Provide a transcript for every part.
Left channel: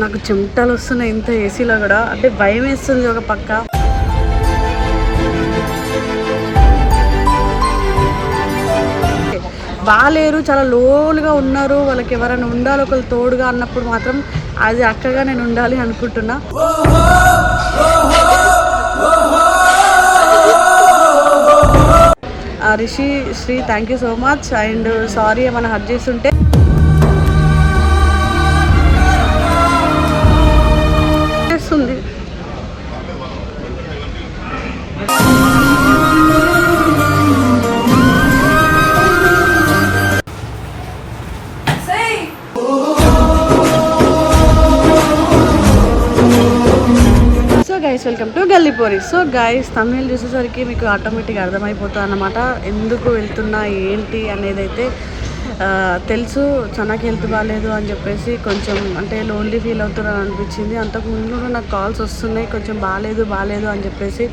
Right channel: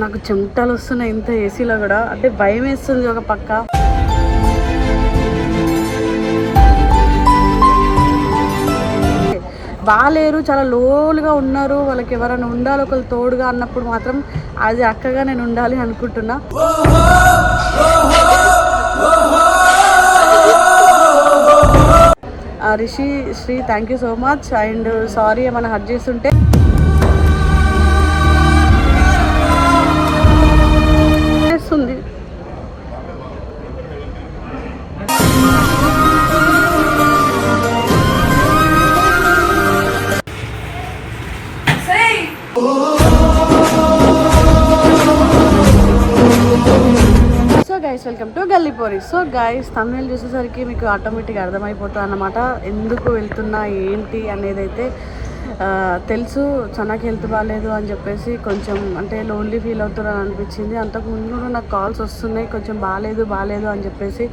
నాకు చెమటలు వస్తున్నాయి ఇంత ఏసీలో కూడా. అంటే భయం వేస్తుంది ఒక పక్క. బాగాలేరు చాలా లోలుగా ఉన్నారు. వాళ్ళకి ఎవరైనా ఉండాలి ఒకరు తోడుగా అన్నప్పుడు మాత్రం అది అక్కగా నేను ఉండాలి అనుకుంటున్నా. Rishi Sri thank you so much and sorry ఏమైనా హర్ట్ చేస్తుంటే. Welcome to Gallipori so guys Tamil చూసేసరికి మీకు ఆటోమేటిక్గా అర్థమైపోతుంది అన్నమాట. ఎందుకు వెళ్తున్నా ఏంటి అనేది అయితే తెలుసు. చనాకి హెల్త్ బాగాలేదు అని చెప్పేసి కొంచెం అంటే లోన్లీ ఫీల్ అవుతున్నాను అనిపించింది. అంతకుముందు కూడా నాకు కాల్స్ వస్తున్నాయి. కొంచెం బాగాలేదు బాగాలేదు అని చెప్పేసి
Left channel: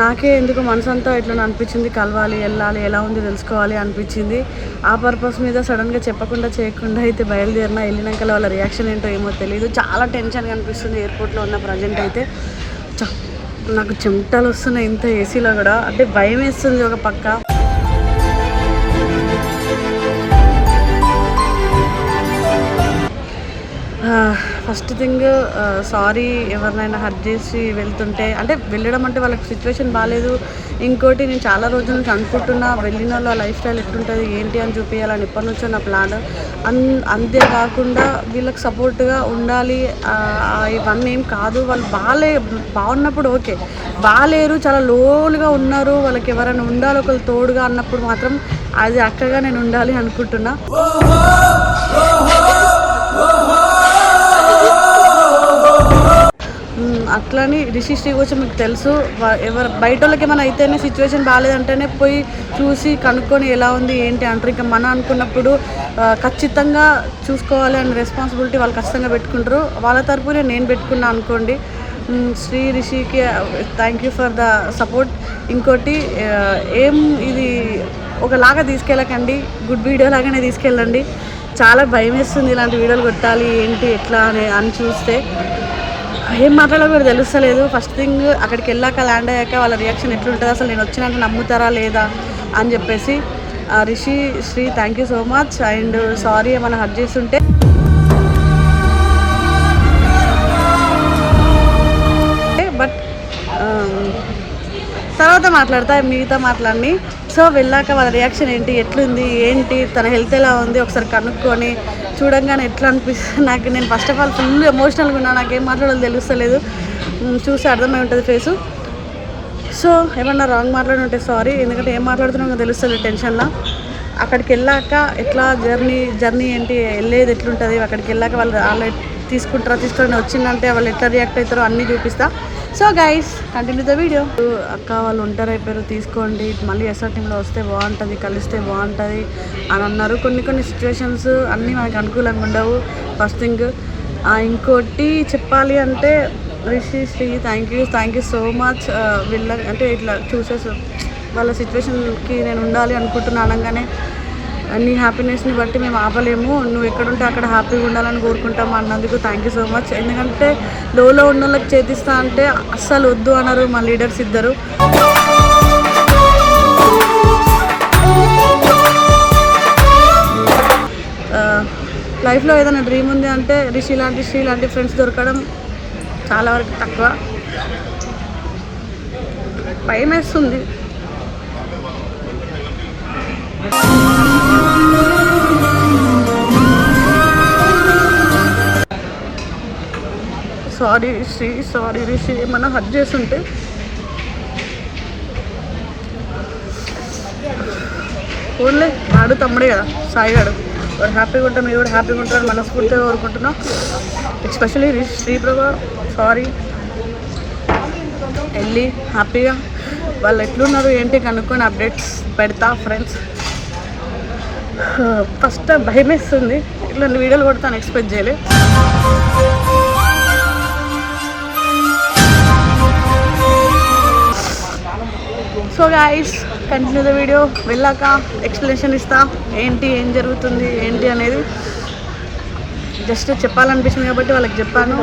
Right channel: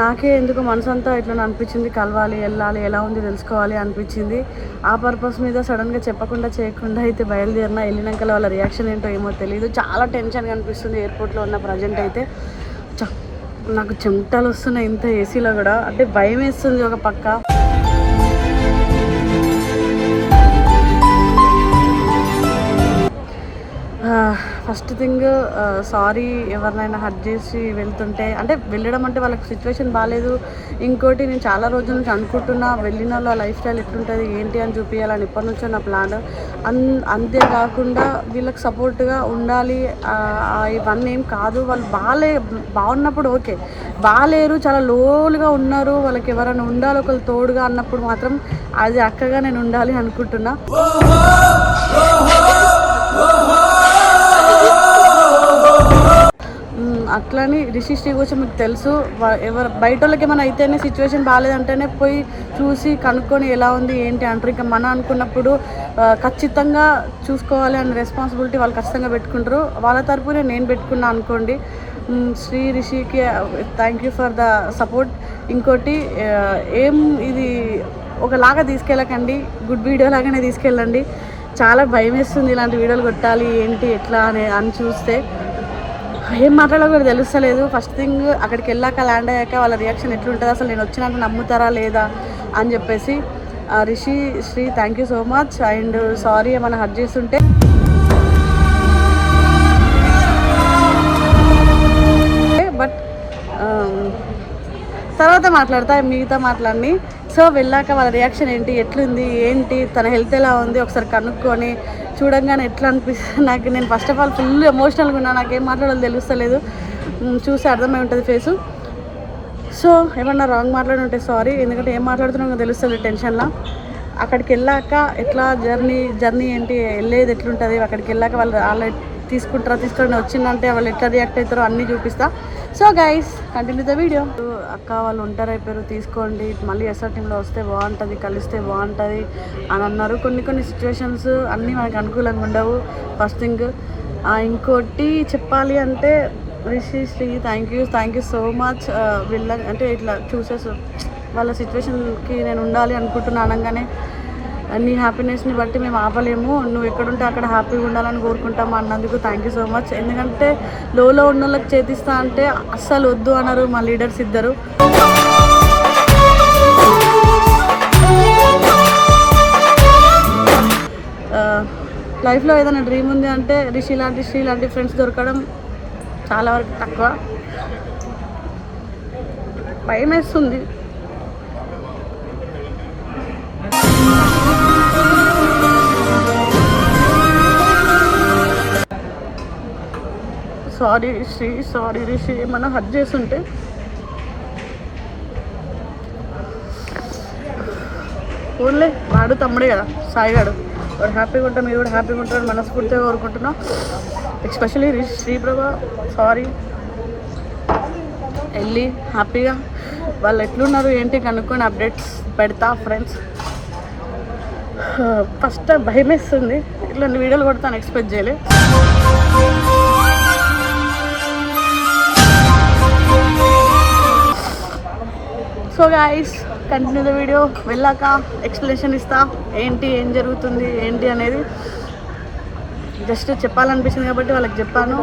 నాకే ఎందుకు మనసు అంతా ఇట్లా అనిపించింది. కలవాలి వెళ్ళాలి ఎలా ఉంది తెలుసుకోవాలి అనిపించింది. ఆ పర్పస్ మీద సడన్గా చెప్పకుండా చేయకుండా అయితే బయలుదేరినా వెళ్ళినాక వాళ్ళ రియాక్షన్ ఏంటో ఏమో తెలియదు చాలా టెన్షన్గా అనిపిస్తుంది ఎయిర్పోర్ట్లో ఉన్న ప్రజెంట్ అయితే. నాకు చెమటలు వస్తున్నాయి ఇంత ఏసీలో కూడా. అంటే భయం వేస్తుంది ఒక పక్క. ఫస్ట్ థింగ్ సారీ ఎవరినైనా హర్ట్ చేసి వెళ్తుంటే అంటే వెళ్ళడం అంటే వాళ్ళకి సిచ్యువేషన్ బాగాలేదు ఇంకోటి నేను చాలా రోజుల నుంచి అనుకుంటున్నా వెళ్ళిన వాళ్ళ లైఫ్ స్టైల్ ఎట్లుంటుంది ఏంటి అని చూపించాలని ఇప్పటి నుంచో నా ప్లాన్ అన్ అంతేకాకుండా వీళ్ళకి సపోర్ట్గా ఉండాలి. ఇవన్నీ ఏం కాదు. వాళ్ళు బాగాలే బాగున్నప్పుడు ఓకే. బాగాలేరు చాలా లోలుగా ఉన్నారు. వాళ్ళకి ఎవరైనా ఉండాలి ఒకరు తోడుగా అన్నప్పుడు మాత్రం అది అక్కగా నేను ఉండాలి అనుకుంటున్నా. అట్లని రిషి శ్రీ గురించి మీకు తెలుసు ఎవరు బయట వాళ్ళకి ఏమైనా అయితేనే సిచ్యువేషన్ బాగాలేదంటేనే పోయి చూసి కనుక్కొని ఎలా ఉంది ఏంటి అంటారు. ఇంకా మన అనుకున్నప్పుడు ఖచ్చితంగా చూసుకోవాలి అనే రెస్పాన్సిబిలిటీ వాళ్ళు ఖచ్చితంగా పెట్టుకుంటారు. వాళ్ళ తరపునే నేను పెట్టుకున్నా అనుకోండి. శ్రీ రిషికి thank you for the support ఇంకోటి ఏం ఇది ఒకలాగా తీసుకెళ్ళకండి. గుడ్ వీడియో లాగానే తీసుకెళ్ళండి. చాలా భయం వేస్తుంది ఇలాంటి వీడియోలు కొట్టాలి ఏంటి ఎట్లా అని అని చూస్తే. ఏం మాట్లాడాలో కూడా తెలుస్తలేదు. ఫస్ట్ థింగ్ అక్కడికి వెళ్ళాక ల్యాండ్ అయ్యాక వాళ్ళ రియాక్షన్ ఎట్లుంటుంది? అసలు నేను వచ్చినాక నమ్ముతారా లేదా? అని చెప్పేసి ఆ, Rishi Sri thank you so much and sorry ఏమైనా హర్ట్ చేస్తుంటే తర్వాత మాట్లాడతా మిగతా మాట్లాడి సో వెళ్ళాక వాళ్ళ రియాక్షన్ ఏంటి ఎట్లుంది ఏంటి తన హెల్త్ ఎలా ఉంది ఒకసారి కనుక్కొని చూడంగానే ఎట్లా అనిపిస్తుంది. నాకు నేను ఫస్ట్ ఆఫ్ ఆల్ ఫుల్ ఎమోషనల్గా ఉన్నా నాకు ఏం మాట్లాడాలో తెలుస్తలేదు. చూసి అర్థమై ఉంటుంది ఫేసు సో ఏమన్నా రాంగ్ మాట్లాడి ఉంటే సారీ ఎందుకంటే ఏం మాట్లాడుతున్నామో తెలుస్తుంది టెన్షన్లో అక్కడికి వెళ్ళాక ఎట్లా జర్నీ జర్నీ ఏంటి వెళ్ళేది ఎట్లుంటుంది అక్కడికి వెళ్ళాక వాళ్ళు వాళ్ళు తీసుకుంటారా తీసుకొని వచ్చిందంటే వాళ్ళు ఎట్లా రియాక్ట్ అవుతారో అన్నీ చూపిస్తా. So guys continue the video అక్క వాళ్ళు ఉంటారు అయిపోయారు తీసుకోండి. మళ్ళీ ఎస్ఆర్ టీంలో వస్తే బాగుంటుంది కలిస్తే బాగుంటుంది అని అన్నారు. కొన్ని కొన్ని సిచ్యువేషన్స్ అన్నీ మనకు అనుకూలంగా ఉండవు. ఫస్ట్ థింగ్ ఇంకోటి చెప్పాలి అంటే Rishi Sri thank you thank you so much వీళ్ళ అంటే ఇట్లా చూసేసి వాళ్ళ సిచ్యువేషన్కి నేను ఉండాలి అనుకుంటున్నా అనగానే నీ హ్యాపీనెస్ని బట్టి మేము ఆపలేము. నువ్వు ఎక్కడుంటే అక్కడ హ్యాపీగా ఉండాలని కోరుకుంటాము అన్నందుకు. థ్యాంక్ యూ సో మచ్ ఎందుకంటే లోలో ఉన్న వాళ్ళకి చేతిస్తా అంటే అస్సలు వద్దు అన్నారు మా లీడర్స్ ఇద్దరు. లైఫ్లో ఏదైనా డ్రీమ్ ఉంది అంటే రిషి లాంటి శ్రీ లాంటి ఫ్రెండ్స్ దొరకడం చాలా వరకు తక్కువ. భయం వేస్తుంది. సారీ రిషి ఏమన్నా హర్ట్ చేస్తుంటే ఓన్లే వాడు తమ్ముడే కదా సాయి గారు వాడు హ్యాపీగా ఉంటాం మీరు కూడా హ్యాపీగా ఉంటారు మనస్ఫూర్తిగా కోరుకుంటున్నాం. Especially Rishi Sriprabha sorry. వెళ్ళి హ్యాపీగా. వాళ్ళు ఎట్లున్నారు ఏంటి కనుక్కొని అప్డేట్స్ పెడతా ఫ్రెండ్స్ ఫస్ట్ భయం వేస్తుంది ఇట్లాంటి వీడియోలు కొడతాను ఎక్స్పెక్ట్ చేయలేదు so guys continue the video వెళ్ళాక ఎక్స్ప్లెనేషన్ ఇస్తా. ఏంటి ఏం జరుగుతుంది ఏంటి అనేది జస్ట్ చెప్పాలనిపించింది కాబట్టి వాళ్ళకి చెప్పాను.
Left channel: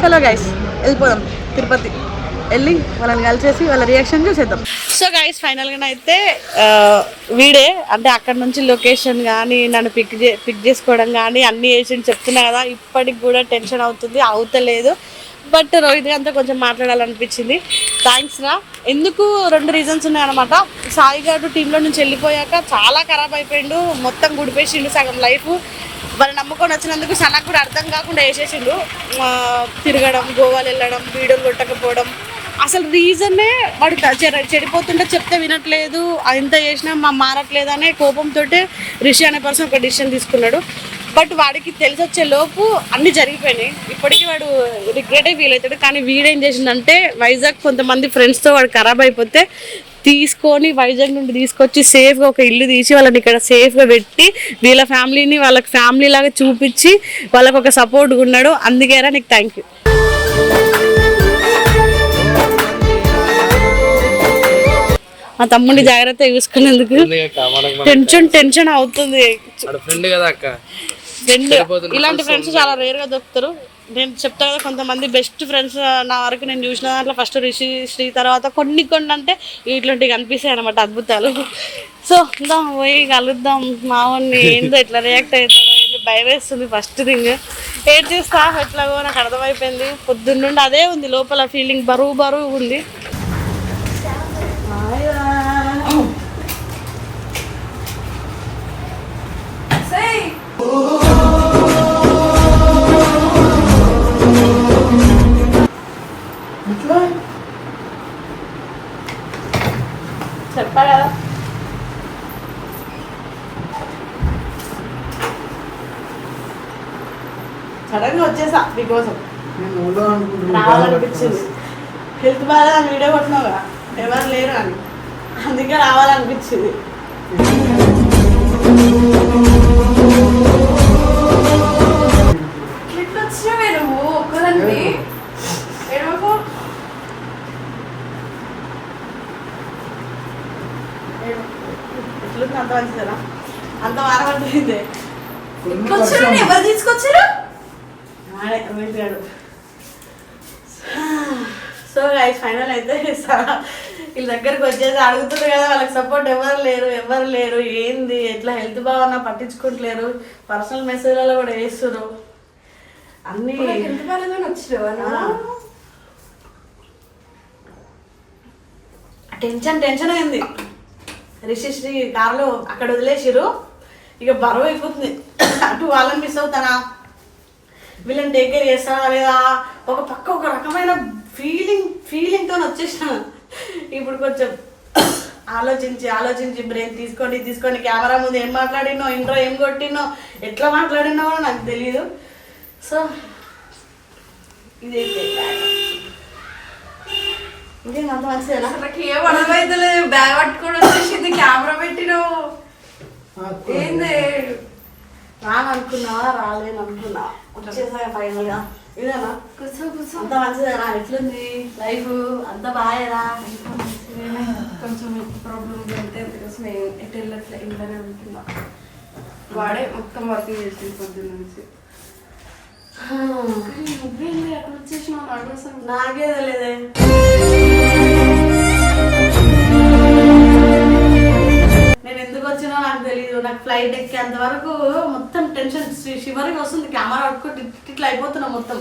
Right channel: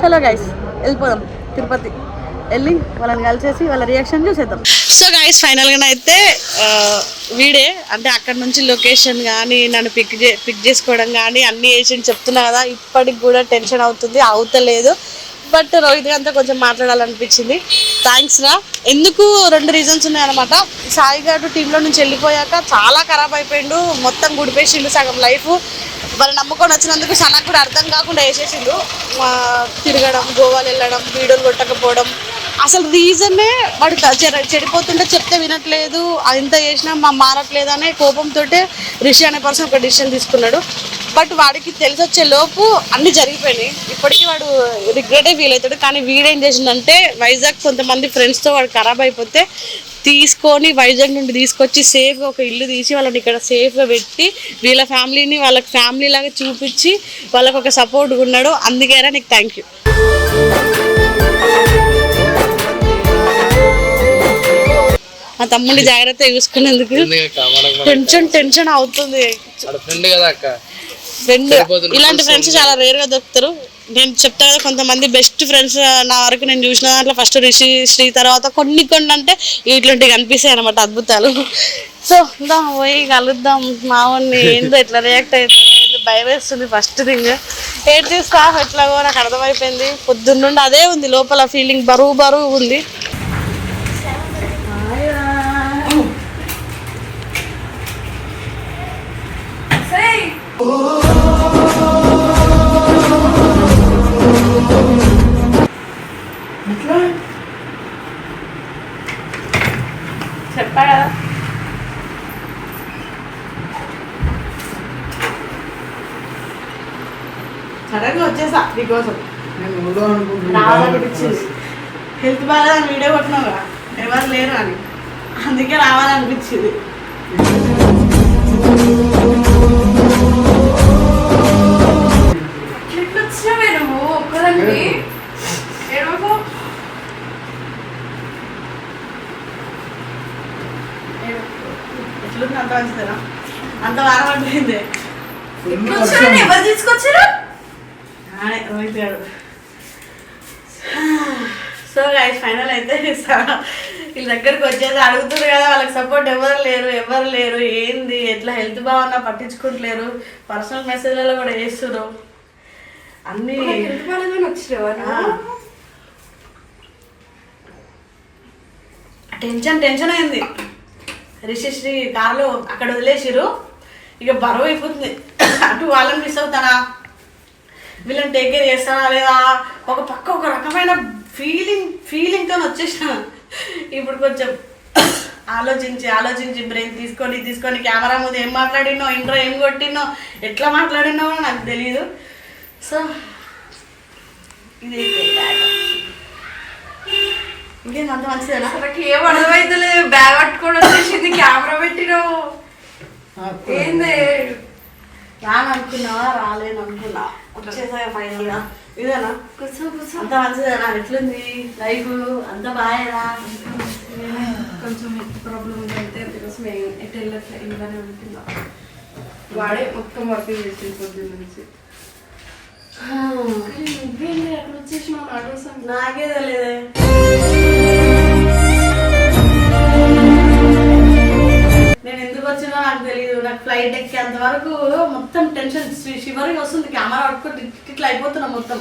చలో గైస్ వెళ్ళిపోదాం. తిరుపతి వెళ్ళి వాళ్ళని కలిసేసి వాళ్ళ రియాక్షన్ చూసేద్దాం. సో గైస్ ఫైనల్గా అయితే వీడే అంటే అక్కడ నుంచి లొకేషన్ కానీ నన్ను పిక్ చే పిక్ చేసుకోవడం కానీ అన్ని ఏజెంట్ చెప్తున్నా కదా ఇప్పటికి కూడా టెన్షన్ అవుతుంది అవుతలేదు. బట్ రోహిత్ గారితో కొంచెం మాట్లాడాలనిపించింది. థ్యాంక్స్ రా. ఎందుకు రెండు రీజన్స్ ఉన్నాయన్నమాట. సాయి గారు టీంలో నుంచి వెళ్ళిపోయాక చాలా ఖరాబ్ అయిపోయిండు. మొత్తం గుడిపేసిండు సగం లైఫ్ వాళ్ళు నమ్ముకొని వచ్చినందుకు సనకు కూడా అర్థం కాకుండా వేసేసిండు. తిరగడం గోవాలు వెళ్ళడం వీడియోలు కొట్టకపోవడం. అసలు రీజనే వాడు చెడిపోతుంటే చెప్తే వినట్లేదు. ఇంత చేసినా మా మారట్లేదు అనే కోపంతో రిషి అనే పర్సన్ ఒక డిసిషన్ తీసుకున్నాడు. బట్ వాడికి తెలిసి వచ్చే లోపు అన్ని జరిగిపోయినాయి. ఇప్పటికీ వాడు రిగ్రెటే ఫీల్ అవుతాడు. కానీ వీడేం చేసిందంటే వైజాగ్ కొంతమంది ఫ్రెండ్స్తో వాడు ఖరాబ్ అయిపోతే తీసుకొని వైజాగ్ నుండి తీసుకొచ్చి సేఫ్గా ఒక ఇల్లు తీసి వాళ్ళని ఇక్కడ సేఫ్గా పెట్టి వీళ్ళ ఫ్యామిలీని వాళ్ళకి ఫ్యామిలీ లాగా చూపించి వాళ్ళకి ఒక సపోర్ట్గా ఉన్నాడు. అందుకేరా నీకు థ్యాంక్ యూ మా తమ్ముడిని జాగ్రత్త చూసుకునేందుకు టెన్షన్ టెన్షన్ అవుతుంది. ఫ్రెండ్ కదా అక్క. ఫ్రెండ్ ఇలాంటి ఫ్రెండ్స్ చాలా రేర్గా దొరుకుతారు. నేను చెప్తా కదా కొంతమంది బెస్ట్ ఫ్రెండ్స్ నా వరకు నేను చూసిన దాంట్లో ఫస్ట్ రిషి శ్రీ తర్వాత కొన్ని కొన్ని అంటే ఇట్లాంటివి కనిపిస్తాయి అనమాట అద్భుతాలు. సో దా పోయి కలుద్దాం. మావన్ని ఏందో ఎట్లా రియాక్ట్ అవుతాడో ఏందో భయం వేస్తుంది ఫస్ట్ థింగ్ ఏడ్ చేస్తా ఎట్లాగో నాకు అర్థమైపోయింది. పొద్దున్నుండి అదే ఉంది లోపల ఫీలింగ్ బరువు బరువు ఉంది. సడన్గా వచ్చేసా నీకోసం రావాలనిపించింది హెల్త్ బాగా వీడియో కొట్టినావుగా ఎవరు లేరు అని. అందుకే రావాలనిపించింది ఎట్లుంది అంత మంచిదేనా అంత వారం పట్టింది వచ్చినావు ఎవరు తీసుకొచ్చారు? సో గైస్ ఫైనల్ అయితే వీళ్ళ దగ్గరికి వచ్చేసి అడుగుతుంది కదా వాళ్ళకి సపోర్ట్ ఎవరు లేరు ఎవరు లేరు ఏంది ఎట్లా హెల్త్ బాగున్నా పట్టించుకుంటలేరు పర్సనల్ మెసేజ్లలో కూడా వేస్తున్నారు అన్నీ? టెన్షన్ టెన్షన్ అయింది. రిషిశ్రీ కార్లో అక్కడ వదిలేసిరు ఇక బరువు అయిపోతుంది. అటు వాళ్ళని మిస్ అవుతానా? వీళ్ళని టేక్ కేర్ చేస్తానా లేదా? ఒక పక్క ఒక రకమైన ఫీలింగ్ ఫీలింగ్తో వచ్చేసినాను ఇప్పుడు కొంచెం ఆలోచించి ఆలోచించి బ్రెయిన్ తీసుకొని తీసుకొని కెమెరా ముందు ఏం మాట్లాడినో ఇంట్రో ఏం కొట్టినో ఎట్లా మాట్లాడినో నాకు తెలియదు సో ఇది ఇంకేం అంత మంచిదేనా? ఏం అర్థమైతలేదు. బ్యాగ్ పట్టుకొని వచ్చేసింది కెమెరా పెట్టినావు. ఏంది? రాననుకున్నావా? రాలేను అనుకున్నా వచ్చేసా ఫైనల్గా ఇదేనా కూర్చో కూర్చో. అంత మంచిదేనా ఎట్లుంది? లైఫ్ అంత బాగా కొంచెం ప్రాబ్లం ఉంది అంటే అందుకోసం ఏ- ఎటు వెళ్ళట్లే ఇంట్లోనే ఉంటున్నా. వాడే మొత్తం వర్కింగ్ చేసింది పొద్దున్న నుంచి. నాకే తెలియదే నేను ఎందుకు ఫ్లైట్ ఎక్కేంత వరకు మొత్తం టెన్షన్. శివరికి వస్తుంది కెమెరా పట్టుకుంటే ఇట్లా అయిపోతున్నా మొత్తం.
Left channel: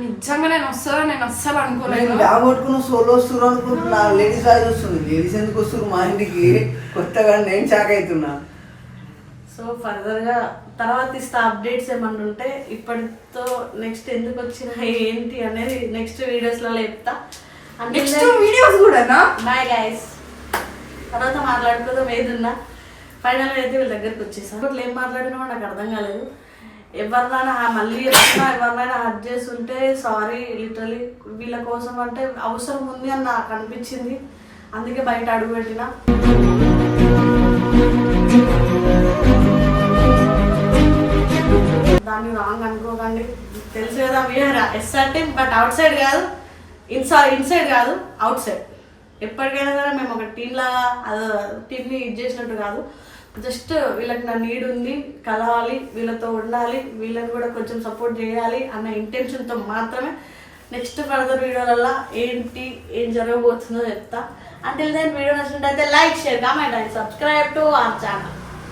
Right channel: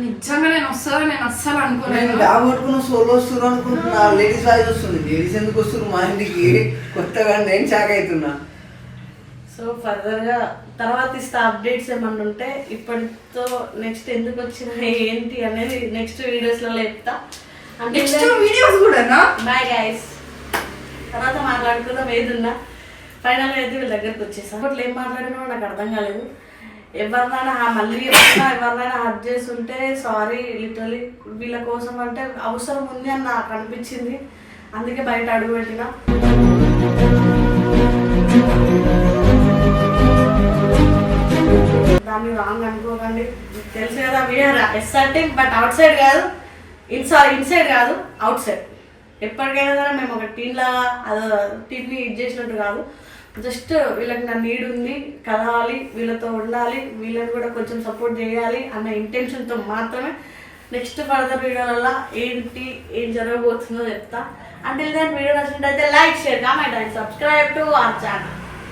నిజంగా నేను వస్తాను నేను అస్సలు నేను అనుకోలేదు బ్యాగ్ పట్టుకున్న సోలో వస్తున్నారు అనుకుంటున్నా. లేడీస్ వాయిస్ వస్తుంది లేడీస్ ఎందుకు వస్తున్నారు? మా ఇంటికి కొత్తగా నేను షాక్ అవుతున్నా. సో ఫర్దర్గా తర్వాత ఇస్తా అప్డేట్స్ ఏమన్నా ఉంటే ఇప్పటితో నెక్స్ట్ ఎందుకు వచ్చిన ఏంటి అనేది నెక్స్ట్ వీడియోస్లలో చెప్తా. నెక్స్ట్ వీడియోస్ కూడానా? బాయ్ గైస్ తర్వాత మాట్లాడుకుందాం ఏదున్నా. ఫైనల్గా అయితే వీళ్ళ దగ్గరికి వచ్చేసాను అట్లా ఏం మాట్లాడినా నాకు అర్థం కాలేదు. ఎవరినైనా మళ్ళీ ఎవరైనా ఎవరినైనా హర్ట్ చేస్తుంటే సారీ లిటరలీ వీళ్ళ కోసం అంటే అవసరం ఉంది అని నాకు అనిపించింది. అందుకే బయట అడుగు పెట్టిన. దాన్ని రాంగ్ అనుకోకండి. తెలుసు కదా వీఆర్ అంటే బట్ అవుట్ సైడ్ కాదు. ఇన్సైడ్ ఇన్సైడ్ కాదు అవుట్ సైడ్ ఎప్పటికైనా సరే మేము ఒక టీన్లా అదో టీన్ని ఇది చేసినట్టు కాదు. జస్ట్ వీళ్ళకి నా నీడ్ ఉంది కలవాలి వీళ్ళతో ఉండాలి వీళ్ళని కూడా కొంచెం సపోర్ట్ చేయాలి అన్న ఇంటెన్షన్తో మాత్రమే నెక్స్ట్ ఫర్దర్ వీడియోలలో ఏంటి ఏం జరగబోతుందో చెప్తా. అంటే దాని వీడియో నచ్చినట్టయితే like share comment and subscribe to our channel